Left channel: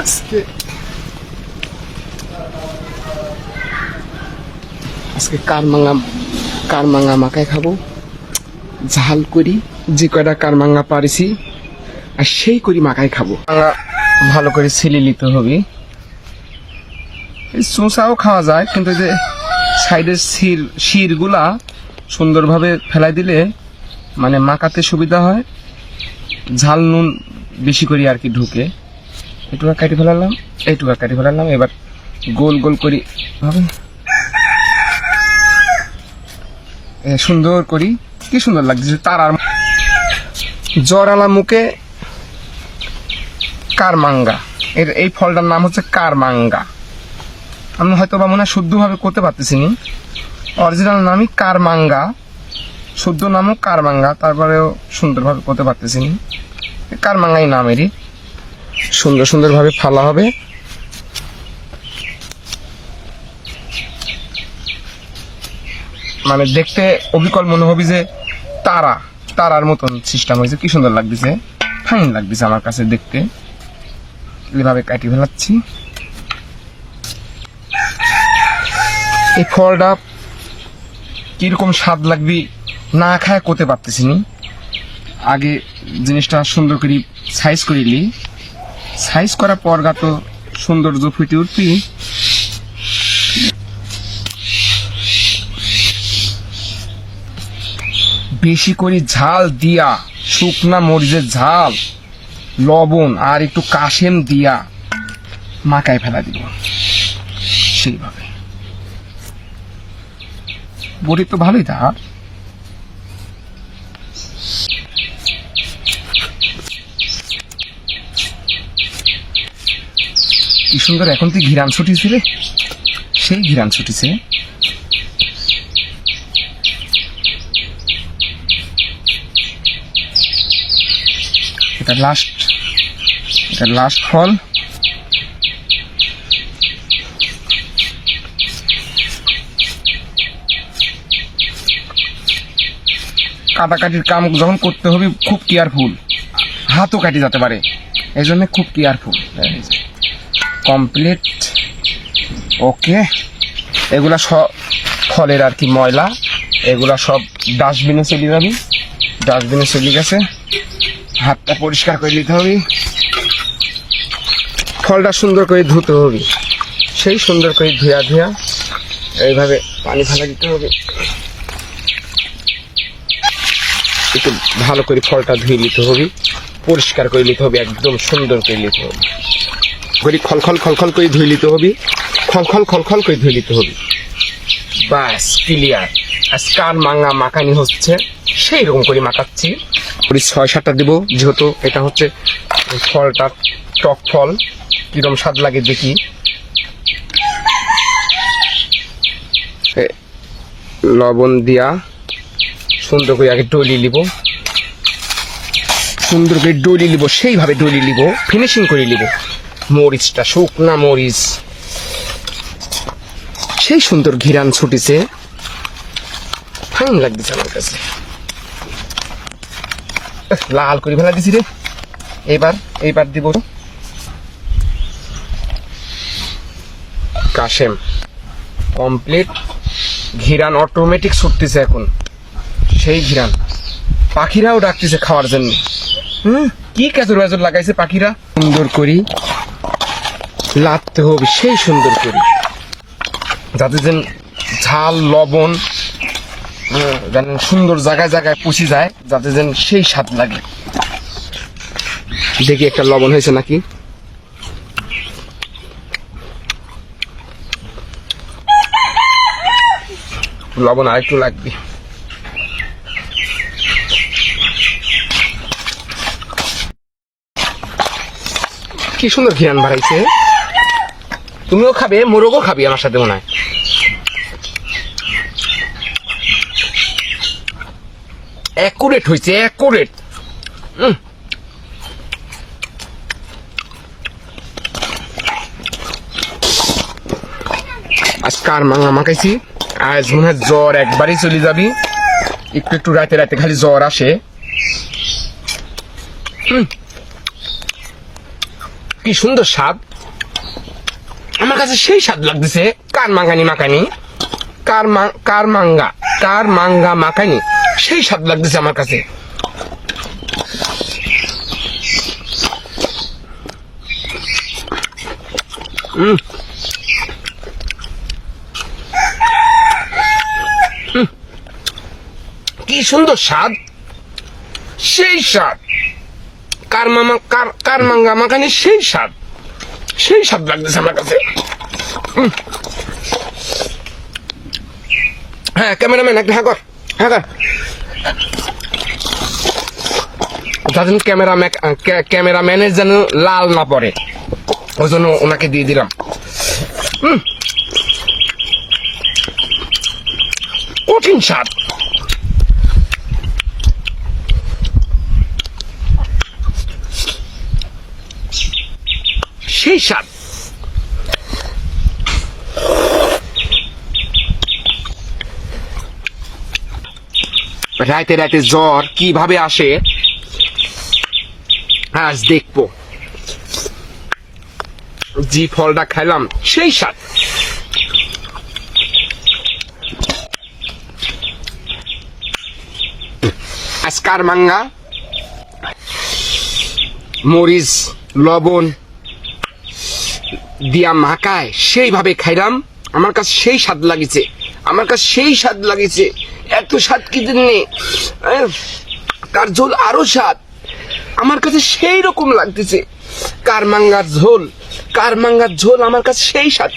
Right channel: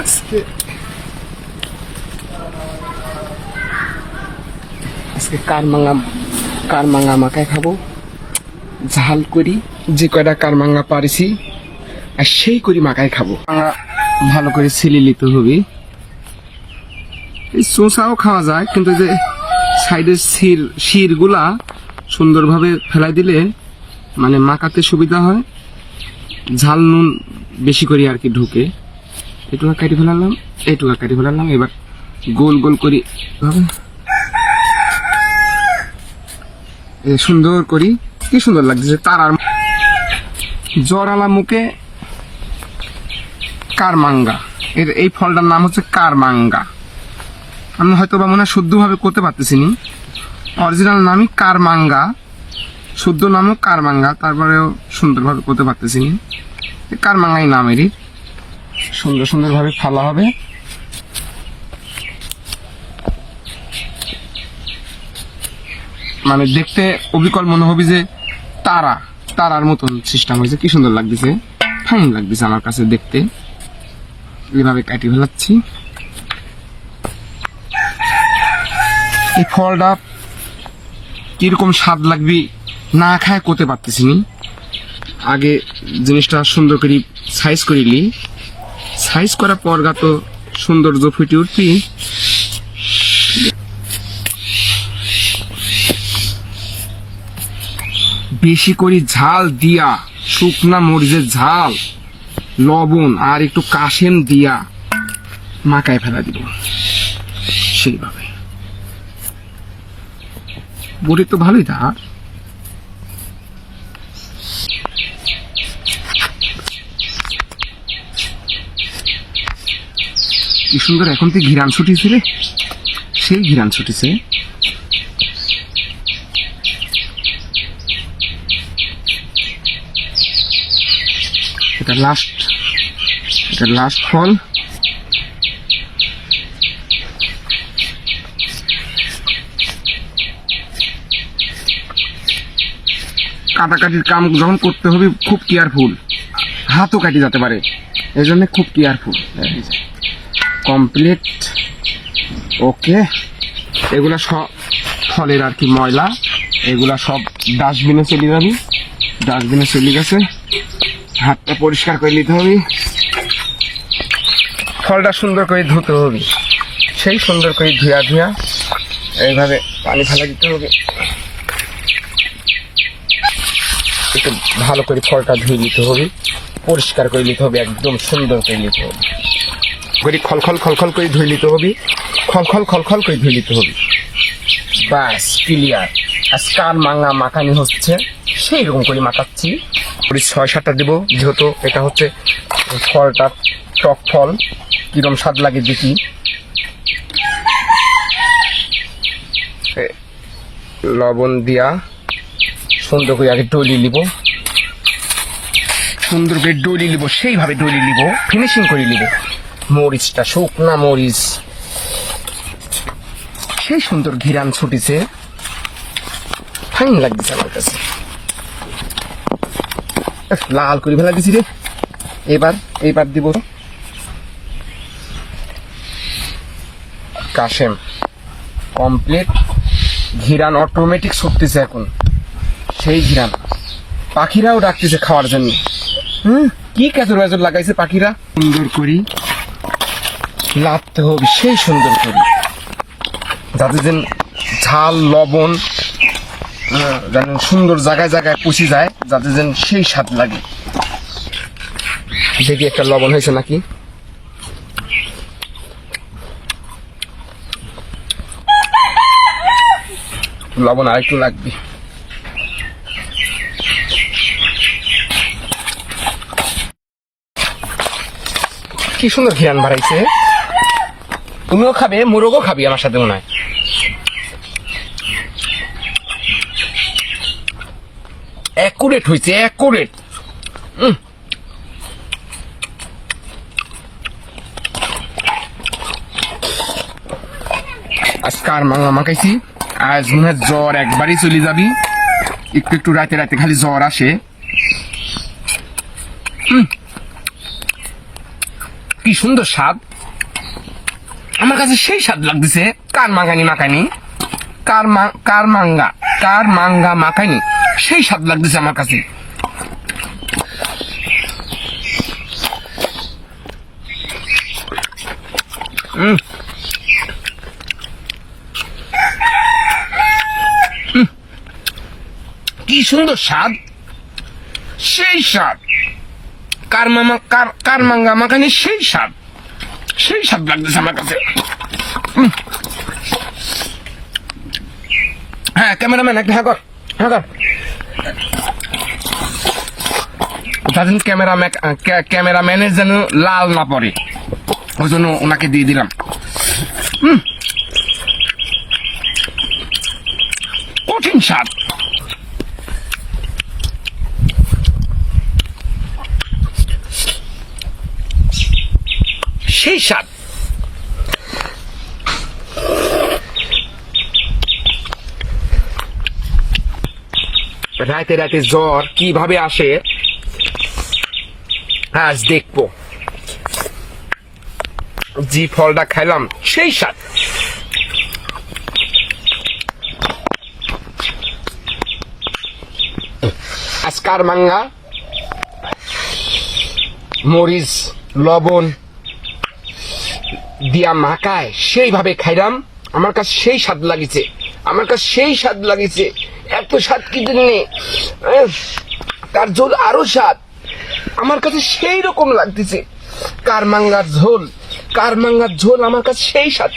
আজকে আজকে কার মাঙ্গা কার মাঙ্গা মাখায় খাব। ঝাল করি, যে কয়টা কার মাঙ্গা পারিছি, আর সেই করি মাখায় খাব। ভালো করে ছিলি নিতে হবে। এই চোষাও খাওয়া যায়, কিন্তু যে সাইডের শির, শিরগুলা সুন্দরভাবে ফেলাই দিলে মানে মাখাতে সুবিধা হয়। ঝাল নুন বেশি করে আর কি ঢুকে। এইটুকা কাটি ফেলালাম এইটুকা কাটি ফেলালাম এবার গোল গোল করি। সুন্দর করি। কি সুন্দর লাগছে, তারার জরালা মুখে কারমাঙ্গা। এর এই ফলটার নাম হচ্ছে কারমাঙ্গা। আমি হয়তো বা মনে হয় শুদ্ধভাবে করতে পারতেছি নি। অরিজিনাল নামই কারমাঙ্গা। শুদ্ধ নামও কারমাঙ্গা, তারপরেও সুন্দরভাবে করতে পারতেছি নি। কারমাঙ্গাই নামেরই সুন্দর সুন্দরভাবে ফালা হবে। মানে দেখতে অবিকল মনে হবে যে তারা, তারার মতন সিস্টেম হয়েছে। কি সুন্দর লাগতেছে। ফাইন লাগতেছে আমার কাছে দেখতে। এভাবে কাটি ফেলাচ্ছি। এই ফলটা কীরকম স্বাদ লাগবে না খায় করতে পারতেছি আগে জিনিসটা সুন্দর করে সাইজ করে নি সাইজ করার পর গা তো সৌন্দর্য ফুটে উঠবি। বেশি করে ঝাল দিয়া, শুকনা মরিচের ঝাল, লবণ আর একটু কাশেম দিয়া মাকায় ফেলা দিব। সেইভাবে। বড়ি তো ভালোই তার কি সুন্দর এখন তুই ঘিরান ছুটিছে রে সেই ঘিরান ছুটিছে এটা লাস্ট এটা লাস্ট ফল কাটাকাটির কাম যখন করতে হবে, খুব কেয়ারফুল হাতও কাটি যেতে পারে। এই জন্য খুব কেয়ারফুল কমপ্লিট ওকে এগুলা সব ফলের আর কি ময়লা, এগুলা সব ডাস্টবিনে চলে যাবে। ডাস্টবিনে চলে গেছে। হাতটা পরিষ্কার করে নিতে হবে। ফলটা সুন্দর করে ধুতে হবে। সেই সুন্দর করে ধুয়া ধুয়া এইভাবে পানি ঢালা দিতে হবে। একটু ভালো করে ফলটা ধুয়ে নিতে হবে। পরিষ্কার করে নিতে হবে, একদম সুন্দর করে নিতে হবে। করে খলখল খলখল করে ধুয়ে নিতে হবে খলখল খলখল করে ধুয়ে নিতে হবে। বাস, ক্লিয়ার। আজ কান মাঙা মাখানি হচ্ছে, সেই রকম করে মাখাচ্ছি। ছয় সাতটা দেবো, যেহেতু এটা হচ্ছে ফলটা, টক ফল কীরকম স্বাদ লাগে দেখি। লবণ দিয়া সুন্দর করে আগে ডলি নিব। সুন্দর করে ডলি নিব, সেইভাবে ডলি নিব ফিনিশিং করে নিব। মরিচটা, শুকনা মরিচ। সেই সুন্দর ঘিরান ছুটিছে। ফাইন লাগতেছে আমার কাছে। লাল করে ফেলা দিছি রে। এবার এইবার দিব কাশেম। কমপ্লিট ঘিরান অটোমেটিক ছুটতেছে এখন। সেই ঘিরান। পাখিরাও ডাকতেছে খাওয়ার জন্য। হুম, কি কেতর বাজর লাগাইছে পাখিরা? সুন্দর করি। লাগতে হবে সেই সুন্দর করি যাতে যেন ঝাল, লবণ যেন সুন্দর জায়গায় জায়গায় পুষি যায়, যাতে যেন সেই স্বাদ লাগে। দেখি একটা লবণ হয়েছে নাকি? লবণ আর একটু লাগবে। কি সুন্দর ঘিরান বাড়াইছে তুমিও খাবে, মোরগও খাবি আমার সাথে মনে হয়। অ্যাকুরেট হয়েছে অ্যাকুরেট আর মাংলা মাখাইছি? আজ মনে হয় জ্বর একবারই চলে যাবি। একটু একটু রাতে রাতে খালি জ্বর আসে। কি সুন্দর স্বাদ। আমার কাছে সেই স্বাদ লাগতেছে। কার মাঙ্গানি মাখানি? কার কার মাঙ্গা? কার মাঙ্গা মাখানি? সেই স্বাদ লাগতেছে আমার কাছে। উম। কি সুন্দর স্বাদ। সেই স্বাদ। কার মামা কার কার মাঙ্গা মাখানি সেই স্বাদ। সেই স্বাদ লাগতেছে আমার কাছে। হ্যাঁ ক্যামেরাম্যান, একটা হ্যাঁ কর হ্যাঁ কর যাতে ক্যামেরা ক্যামেরাম্যানের যেন লাল না পড়ে, ওই জন্য ওনাকে দিয়ে দিলাম। কঠিন স্বাদ সেই স্বাদ। রাতে রাতে জ্বর কীভাবে আসে? আজ দেখব। যে ফলটা খাইলাম সেই স্বাদ। আজকার মাঙ্গা, মরিচ, লবণ দিয়া মাকায় সেইভাবে খাইলাম। আমার কাছে সেই স্বাদ লাগিছে। আমার কাছে সেই স্বাদ লাগিছে। এত স্বাদ কি নেই তার ঝোল আরও স্বাদ। আমার কাছে সেই রকম লাগতেছে। কার মাঙ্গার ঝোল? কার মাঙ্গার ঝোল? আমার কাছে সেই স্বাদ।